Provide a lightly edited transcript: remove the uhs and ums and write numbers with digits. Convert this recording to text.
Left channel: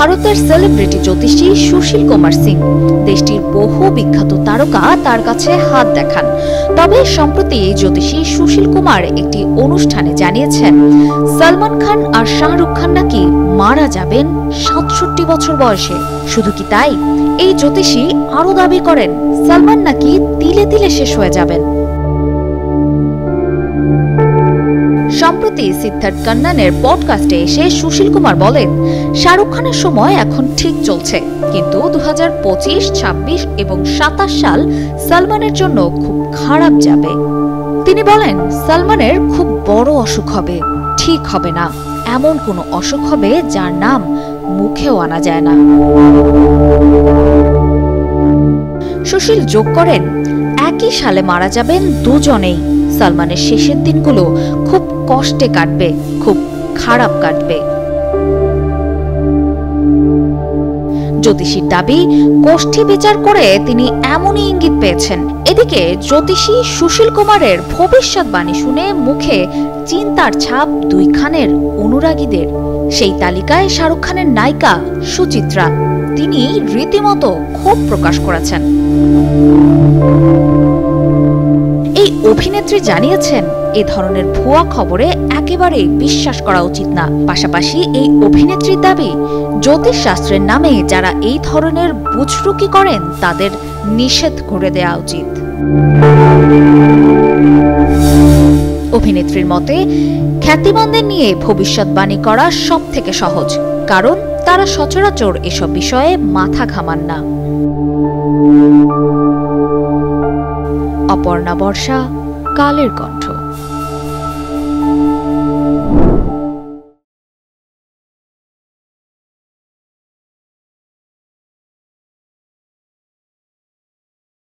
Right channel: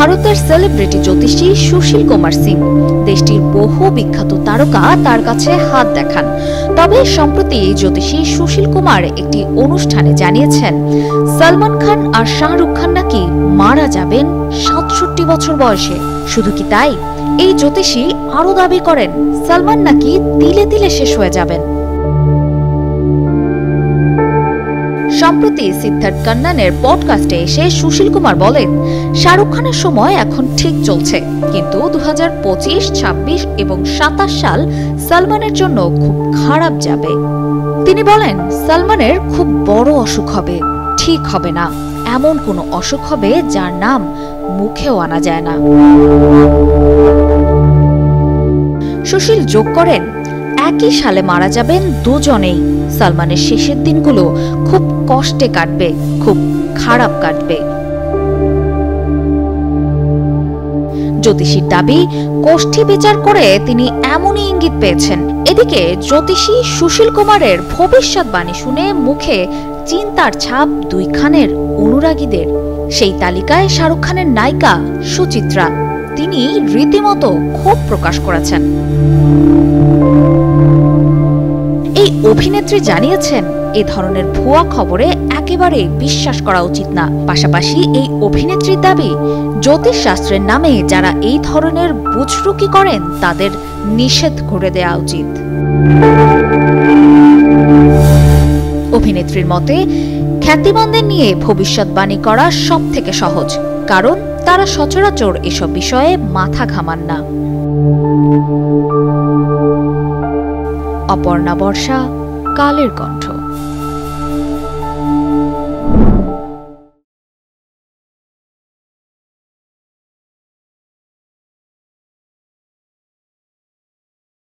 ভারতের সেলিব্রিটি জ্যোতিষী সুশীল কুমার সিং দেশটির বহু বিখ্যাত তারকা তার কাছে হাত দেখান। তবে সম্প্রতি জ্যোতিষী সুশীল কুমার একটি অনুষ্ঠানে জানিয়েছেন, সলমান খান আর শাহরুখ খান নাকি মারা যাবেন ৬৭ বছর বয়সে। শুধু কি তাই, এই জ্যোতিষী আরো দাবি করেন সলমান নাকি তিলে তিলে শেষ হয়ে যাবেন। সম্প্রতি সিদ্ধার্থ কান্নানের পডকাস্টে এসে সুশীল কুমার বলেন, শাহরুখ খানের সময় এখন ঠিক চলছে, কিন্তু ২০২৫, ২৬ এবং ২৭ সাল সলমানের জন্য খুব খারাপ যাবে। তিনি বলেন, সলমানের খুব বড় অসুখ হবে, ঠিক হবে না, এমন কোনো অসুখ হবে যার নাম মুখেও আনা যায় না। সুশীল যোগ করেন, একই সালে মারা যাবেন দুজনেই। সলমানের শেষের দিনগুলো খুব কষ্টে কাটবে, খুব খারাপ কাটবে। জ্যোতিষীর দাবি, কোষ্ঠী বিচার করে তিনি এমনই ইঙ্গিত পেয়েছেন। এদিকে জ্যোতিষী সুশীল কুমারের ভবিষ্যৎবাণী শুনে মুখে চিন্তার ছাপ দুই খানের অনুরাগীদের। সেই তালিকায় শাহরুখ খানের নায়িকা সুচিত্রা, তিনি রীতিমতো ক্ষোভ প্রকাশ করেছেন। এই অভিনেত্রী জানিয়েছেন, এ ধরনের ভুয়া খবরে একেবারে বিশ্বাস করা উচিত না। পাশাপাশি এই অভিনেত্রীর দাবি, জ্যোতিষ শাস্ত্রের নামে যারা এই ধরনের বুজরুকি করেন তাদের নিষেধ করে দেওয়া উচিত। অভিনেত্রীর মতে, খ্যাতিমানদের নিয়ে ভবিষ্যৎবাণী করা সব থেকে সহজ, কারণ তারা সচরাচর এসব বিষয়ে মাথা ঘামান না। অপর্ণা বর্ষা, কালের কণ্ঠ।